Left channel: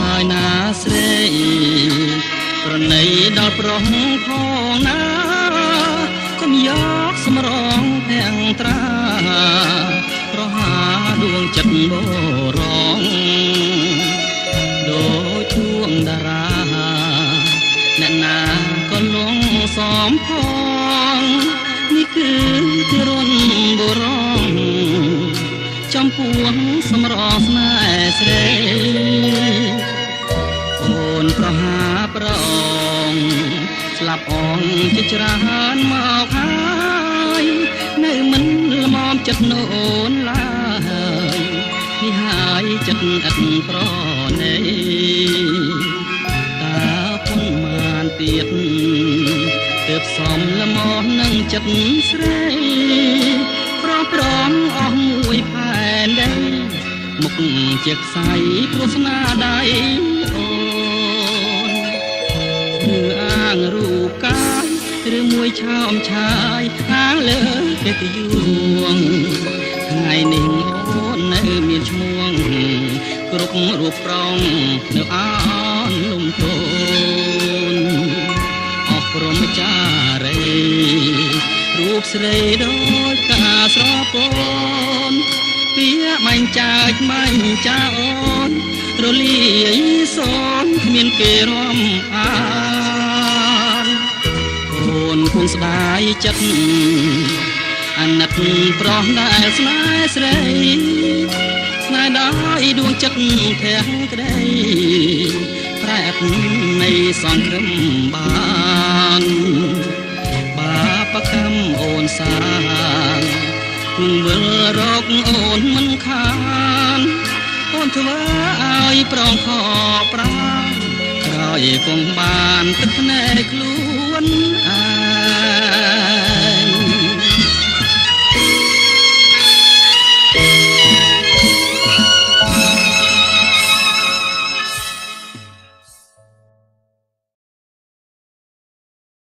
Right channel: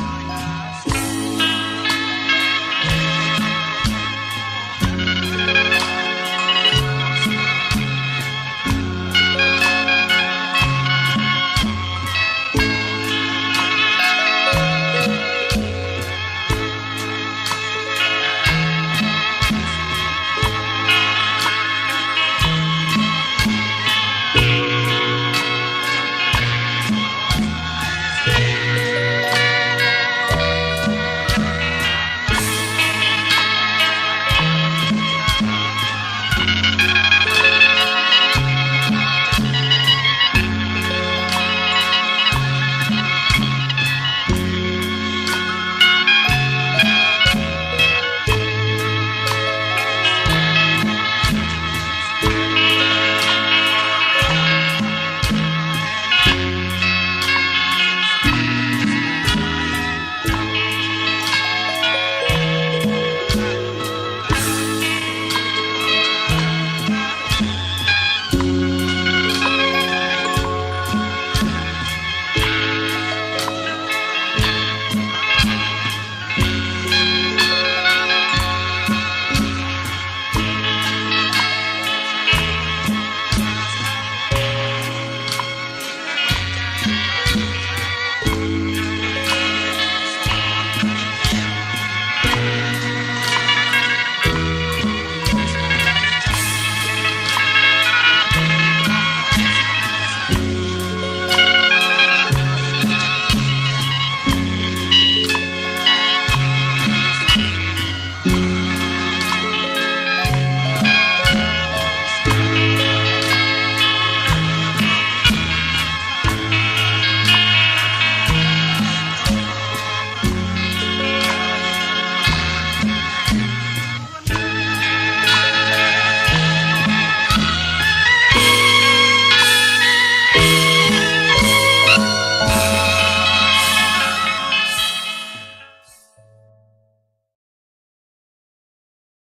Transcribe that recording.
ហើយណាស្រីប្រណីដល់ប្រុសផងណាគុំយកសម្រងទាំងត្រាប្រហាដួងចិត្តមករងដូចជួងតារាអ្នកណាក៏នងសំផងនេះគឺជំរុនបុរសចំពោះសម្រងស្នេហ៍ស្រីអូនប្រហាប្រងស្លាប់អងជាច្រើនមកហើយនៅមិនល្មមចិត្តនៅអូនឡើយនេះហើយចិត្តអត់ប្រណីតើគុំបានទៀតទើបសំល្មមនឹងចិត្តស្រីប្រងអស់មួយផែនដីមុខជាផ្សៃព្រោះស្នាដៃអូនអាងរូបកាយឬមួយឆោមឆាយខាងលើពេកយួងថ្ងៃនេះអូននៅមានឈ្មោះគ្រប់រូបប្រងនៅអនលំទោនអស់ព្រមចារីរូបស្រីដូចកាស្រពោនពីបាញ់ចាច់បាញ់ចាអូនរលាយសូនគ្មានគេរំអានអូនគង់ស្ដាយចិត្តអាណិតប្រោះដែលស្នេហ៍ស្រីស្នេហ៍ដោយដួងចិត្តធាក់ក្ដីតែនៃសង្ឃឹមបានបាបកម្មអូនសាគុំលើរកអូនមិនខានអូនធ្វើឲ្យប្រងខ